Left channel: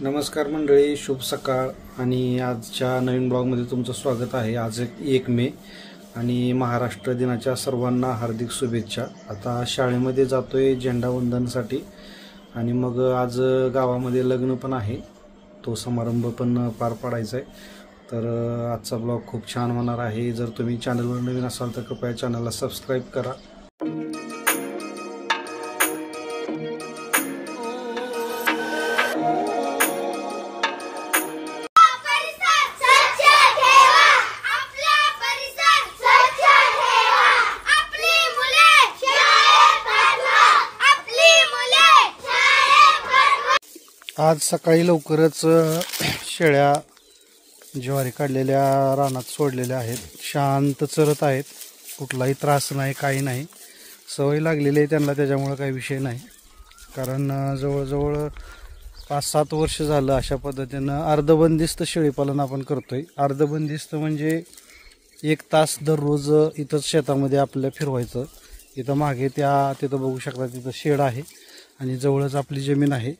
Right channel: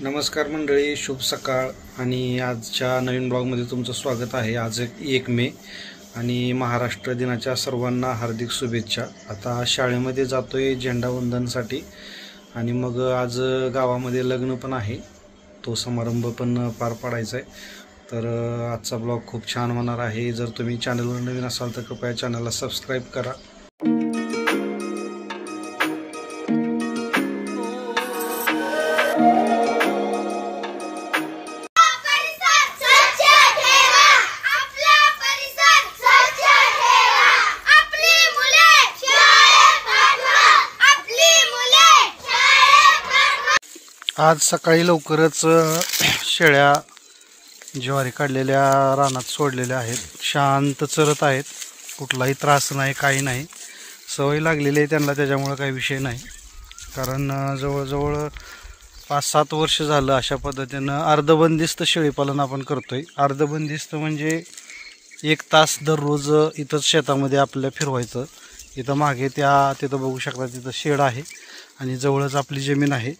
नमस्कार मंडळी, शुभ सकाळ. आणि आजच्या नवीन ब्लॉगमध्ये तुमचं स्वागत आहे. आज 1 मे आणि महाराष्ट्र दिनाच्या सर्वांना हार्दिक शुभेच्छा. आता शाळेमध्ये जातोय झेंडावंदनसाठी आणि मग आज गावामध्ये लग्न पण आहे, तो समारंभ पण पार पाडायचा आहे. तर आजचा ब्लॉग खूप छान होणार आहे. जर तुम्ही चॅनलवर नवीन असाल तर कृपया चॅनलला सबस्क्राईब करा. आज सकाळी लवकरच शेळ्या ज्वारी काढलेल्या रानात सोडलेल्या आहेत. शांत चरत आहेत, कुठलाही त्रास नाही, काही नाही. सवय लागलेली आहे त्यांना, त्याच्यामुळं काही विषय नाही. कारण जवळजवळ 5-7 वर्ष झालं अशा पद्धतीनं अर्धबंदिस्त शेळीपालन आपण करतोय. अर्धबंदिस्त म्हणजे 1 तास दररोज इथंच शेतामध्ये आपल्याला फिरवायचं. इथं मागे तिथं बघू शकता, तिथं शेड आहे आणि जवळच आपली जमीन आहे.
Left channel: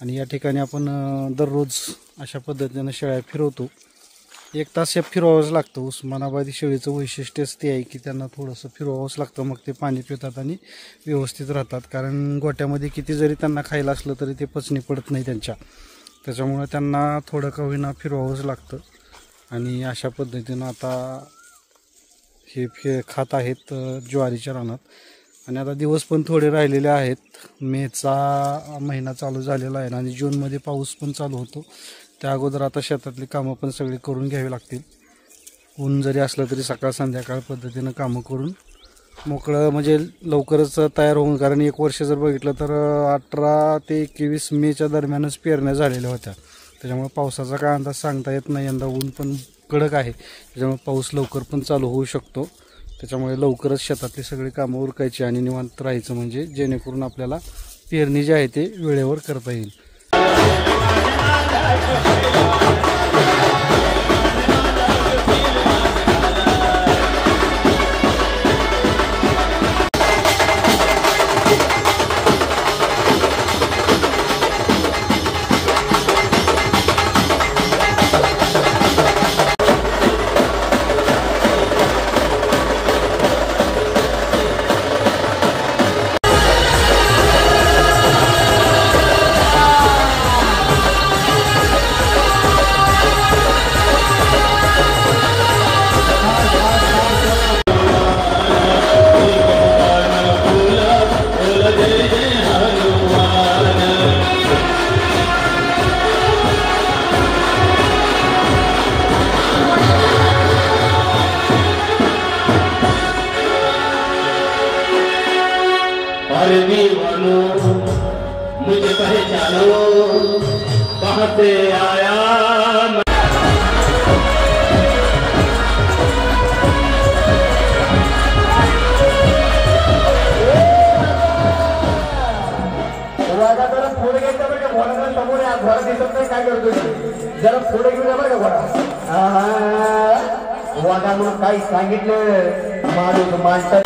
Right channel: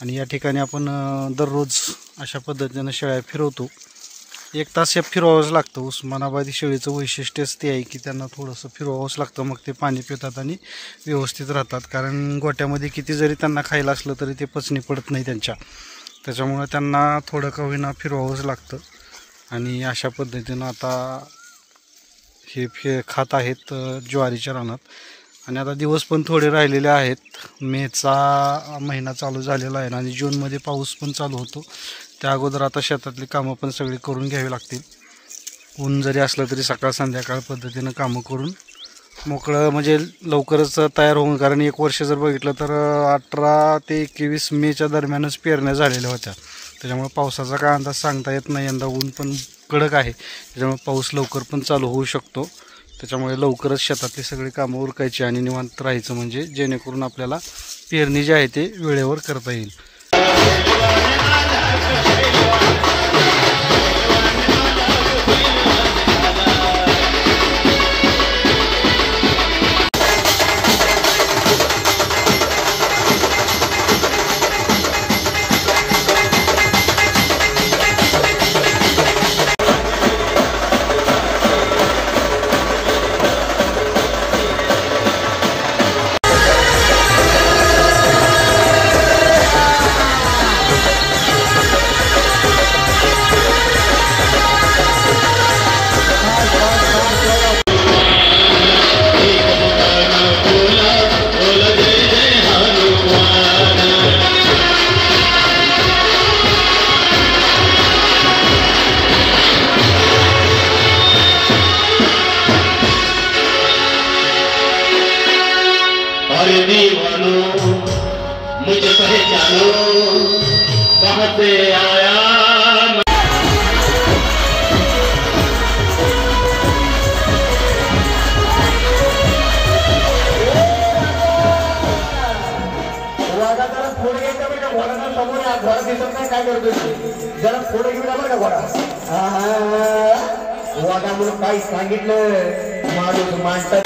आणि या ठिकाणी आपण दररोज अशा पद्धतीनं शेळ्या फिरवतो. 1 तास हे फिरवावंच लागतं. उस्मानाबादी शेळीचं वैशिष्ट्यच ते आहे की त्यांना थोडंसं फिरवावंच लागतं, मग ते पाणी पितात आणि व्यवस्थित राहतात. कारण गोट्यामध्ये किती जरी त्यांना खायला असलं तरी ते पचनी पडत नाही त्यांच्या, त्याच्यामुळं त्यांना थोडं का होईना फिरवावंच लागतं. आणि अशा पद्धतीनं आता हे खात आहेत ज्वारीच्या रानात. आणि आता दिवस पण थोडे राहिलेले आहेत. मेचा महिना चालू झालेला आहे आणि जूनमध्ये पाऊस पण चालू होतो. त्या अगोदर आता शेतातली कामं पण सगळी करून घ्यावी लागतील. ऊन जरी असलं तरी सकाळ संध्याकाळ पद्धतीनं कामं करून मोकळं म्हणजे लवकरच तयार होऊन. कारण 1 वर्ष जर बघितलं तर 18 ते 21 मेच्या दरम्यानच पेरण्या झालेल्या होत्या. त्याच्यामुळे पावसाचा काय अंदाज सांगता येत नाही. यंदा ऊन पण कडक आहे, त्याच्यामुळे पाऊस लवकर पण चालू होऊ शकतो. त्याच्यामुळे लवकरच शेतातली सगळी कामं उरकायची आणि निवांत राहायचं, म्हणजे जेणेकरून आपल्याला पेरणी जी आहे ते वेळेवर करता येईल. मुझे पहचानो कहाँ से आया वागा. जरा पुढे घ्यायचा बरं का, घोड्याला समोर घोडा दिसत नाही, काय करतोय जरा पुढे घेऊन बरं का घोडा. वागा म्हणून काही सांगितलं माणूस माणसं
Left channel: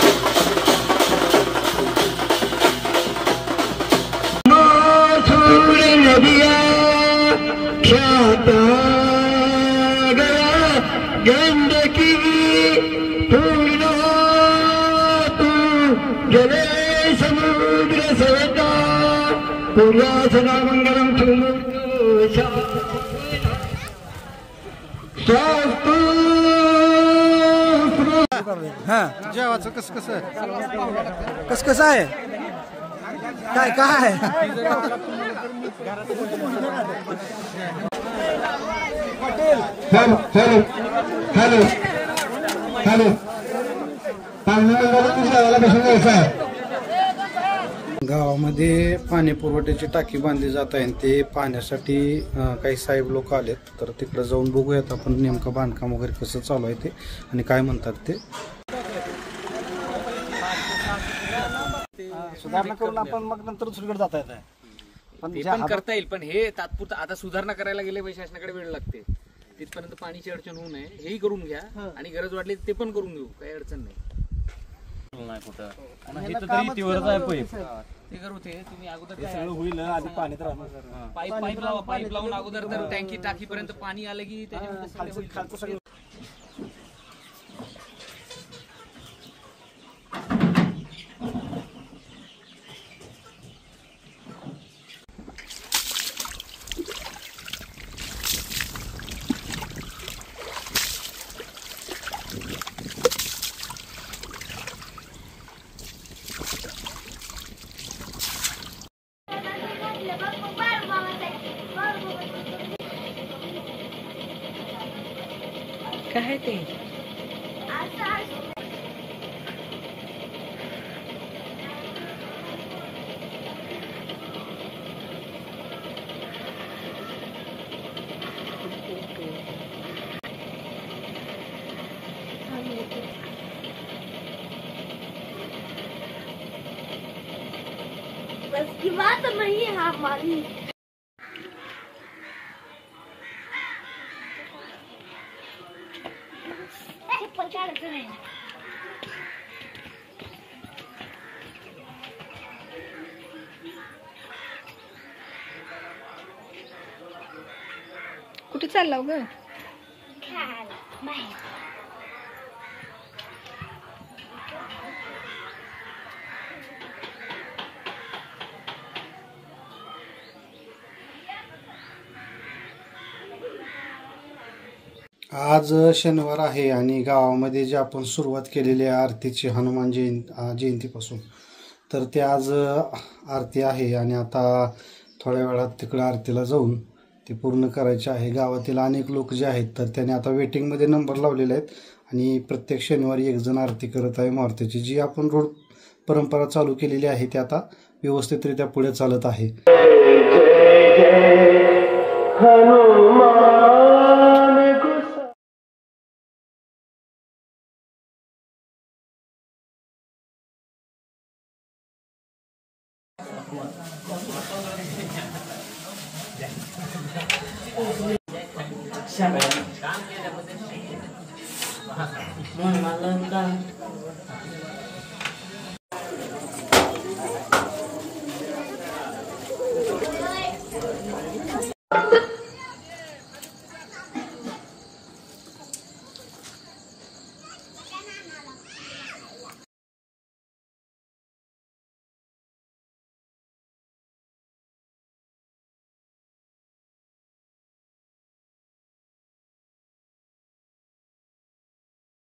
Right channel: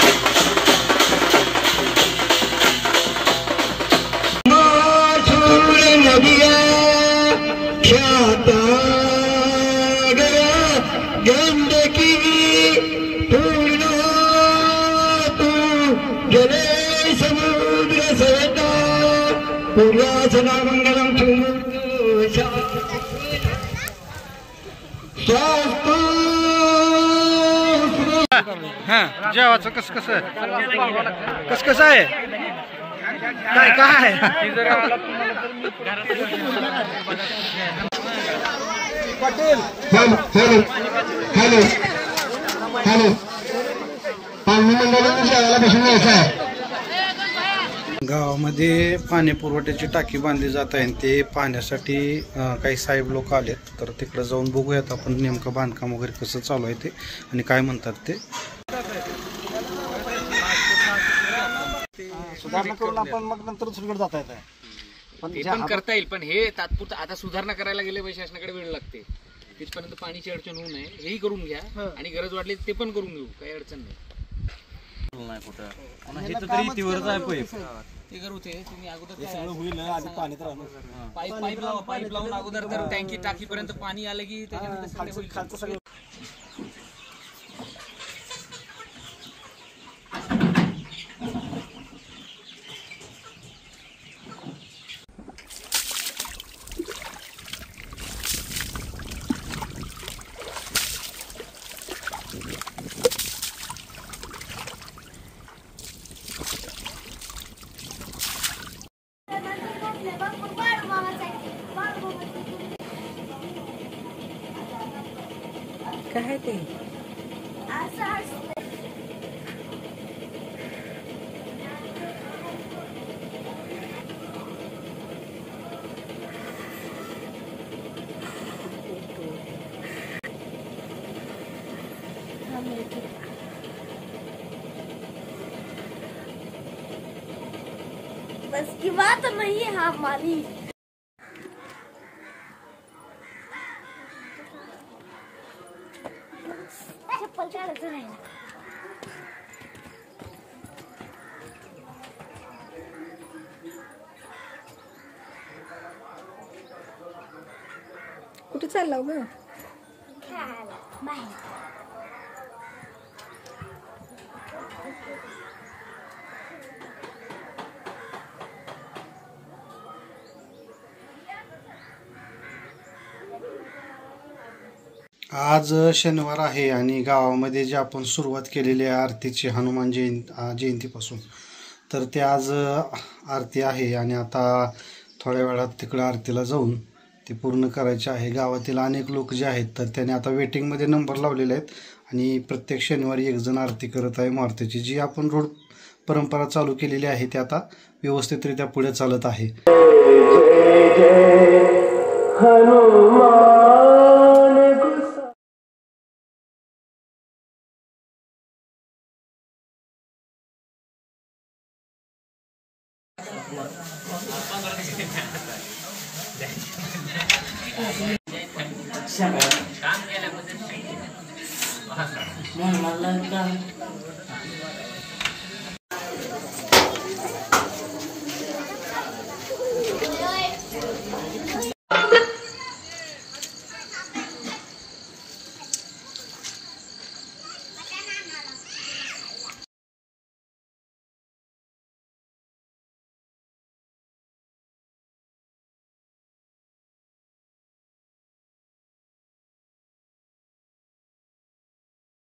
गंडकी पूर्ण तू गेले समुद्र सवता पूर्वा सदा मंगलम जेवाचं कसं आहे काय काय हॅलो हॅलो हॅलो आम्ही मंडळाच्या शाळेला बसून जायचं आहे. गावामध्ये पाणी पुरवठ्याची टाकी बांधली जात आहे. ते पाहण्यासाठी काही साहेब लोक आलेत, तर तिकडे जाऊन बघूयात आपण नेमकं बांधकाम वगैरे कसं चालू आहे ते आणि काय म्हणतात ते. सुधारणा करून आपण मग नंतर दुसरीकडे जाता येत आहे. पण करता येईल, पण हे तात्पुरतं आता सुधारणा करायला गेले शासनाकडे वेळ लागते. तिथपर्यंत पाणीची अडचण होऊ नये हेही करून घ्या आणि गरज वाटली ते पण करून घेऊ, काही अडचण नाही. ते करू ते तुम्ही अगोदर सगळं होईल आधी पाण्यात राहणार पाईप लावून अगोदर तर टँकी टाकीपर्यंत पाणी आलं की त्याच्यानंतर सगळं होईल. खालचं सगळं काय ते बस की बात नहीं है हमारी. चप्पल काढायचं नाही. कुठे चालला ग? खेळायला बाहेर. आज शनिवार आहे आणि गावामध्ये जे आपण सुरुवात केलेली आहे आरतीची हनुमान जयंतीपासून, तर ते आज आरती आहे आणि आता थोड्या वेळात तिकडं आरतीला जाऊन ती पूर्ण करायची आहे. गावातील अनेक लोक जे आहेत तर त्याने आता वेटिंगमध्ये नंबर लावलेले आहेत आणि प्रत्येक शनिवारी एक जण आरती करत आहे मारुतीची. जी आपण रोड परंपरा चालू केलेली आहे ती आता व्यवस्थितरित्या पुढे चालत आहे.